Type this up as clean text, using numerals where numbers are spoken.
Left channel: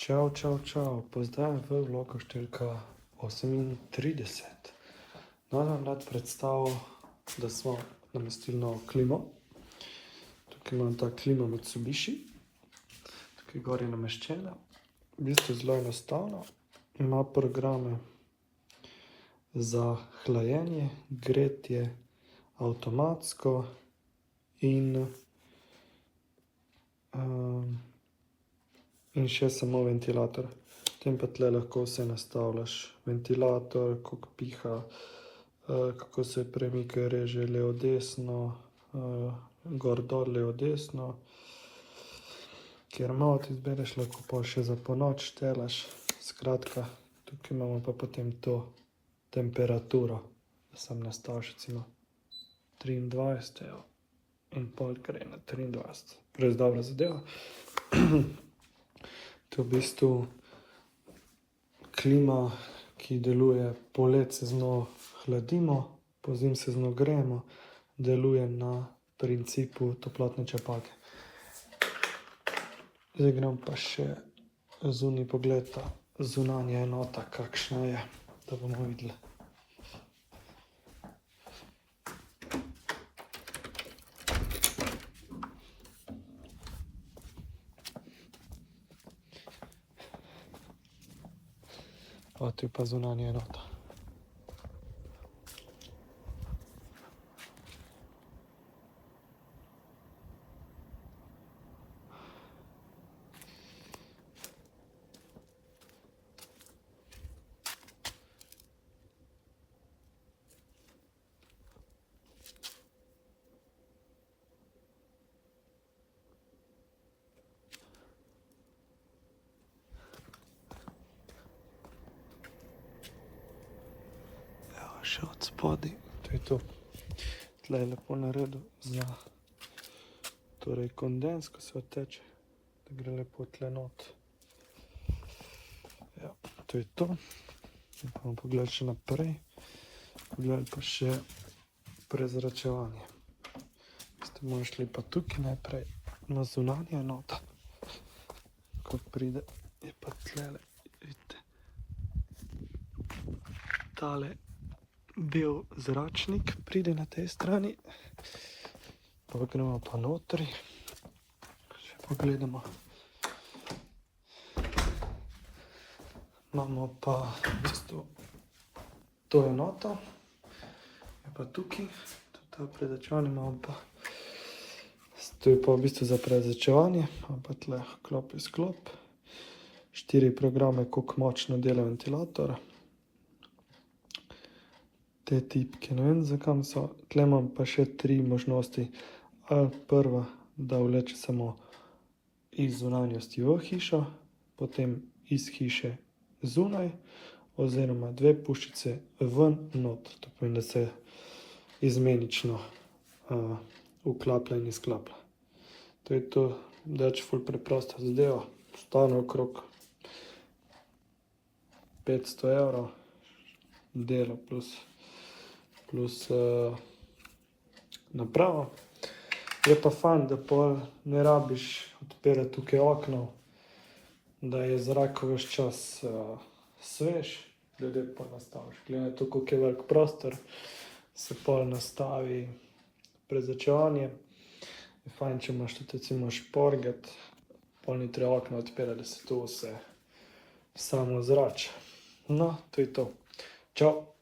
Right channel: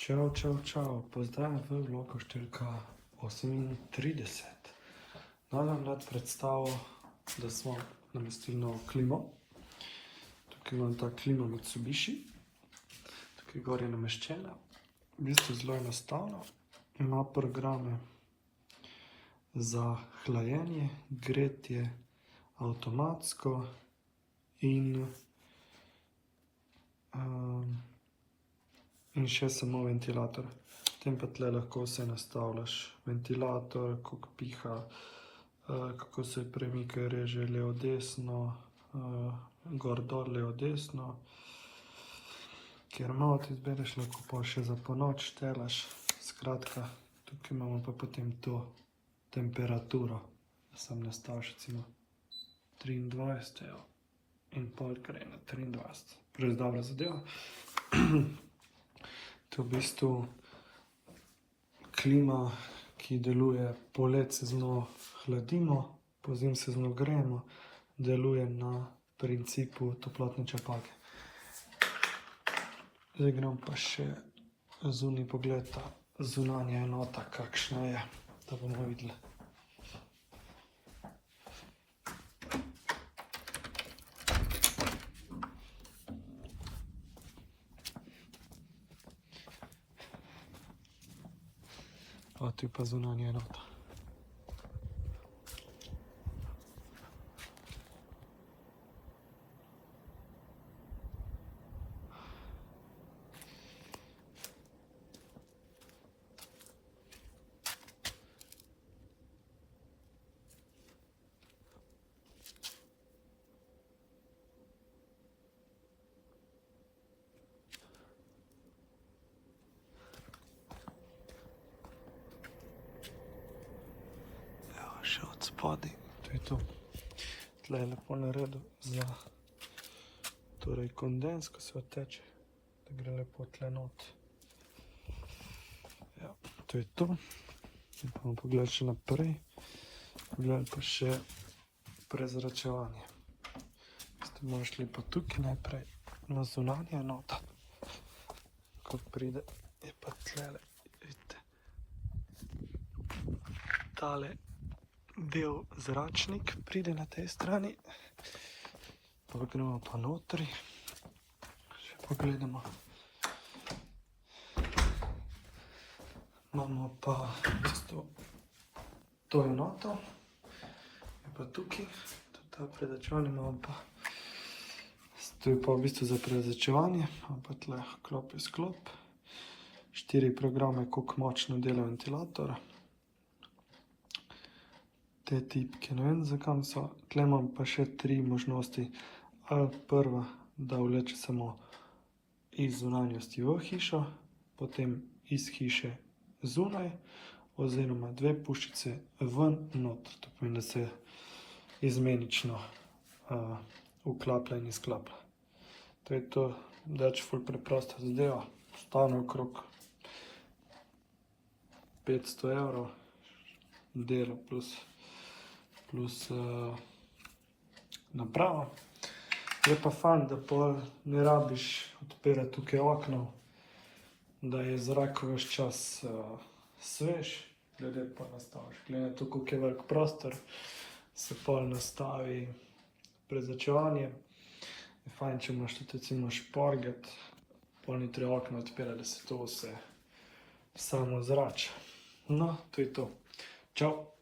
Čau, pozdravljam v vlogu številka 38. Danes vam rad predstavil, da smo namestili novo klimo. Tukaj imam ta klima Mitsubishi, tukaj gor je nameščena. V bistvu zelo enostavno, ima programe za hlajenje, gretje, avtomatsko in še samo ventilator. Potem pa tle lahko vse nastavljaš. Ventilator, koliko piha, kako se premika, reže levo desno, gor dol levo desno. Kjer malo ti izbereš, lahko pa še za ponoč štelaš. Skratka, tukaj imamo pa potem to temperaturo. Da sem nastavil še recimo 23, evo. In pol gre na 23. Res dobra zadeva. To je v bistvu klima, ki deluje, poleti se z njo hladimo, pozimi se z njo grejemo, deluje na principu toplotne črpalke. Zdaj grem pa še zunaj pogled, zunanja enota, kakšna je, da bomo videli. Tu je pa zunanja enota. Še od spodaj, to je to. Tle je lepo naredil za kondens, ko se teče, da gre lepo tle not. Ja, to je to. Bomo pogledali še naprej. Pogledali pa še prezračevanje. Tu bomo šli pa tukaj naprej na zunanje enote. Ko pride, je pa tlele, vidite, tale bel zračnik pride na tej strani, pa gremo pa notri, še pogledamo. Imamo pa v bistvu to enoto, je pa tukaj, ta prezračevanje imamo pa, to je pa v bistvu za prezračevanje, imamo pa tle klop in sklop, 4 programe, koliko močno dela ventilator. Te tipke, ne vem zakaj so, tle imam pa še 3 možnosti. Prva, da vleče samo iz zunanjosti v hišo, potem iz hiše zunaj, oziroma 2 puščice ven noter. To pomeni, da se izmenično vklapa in izklapa. To je to, dač ful preprosta zadeva, stane okrog 500 evrov, delo plus naprava. Je pa fajn, da pa ne rabiš odpirati tukaj okno, da je zrak ves čas svež, da lepo nastaviš. Glede to, koliko je velik prostor, se pol nastavi prezračevanje. Je fajn, če imaš tudi recimo šporget, pol ni treba okno odpirati, da se to vse samo zrači. No, to je to. Čau!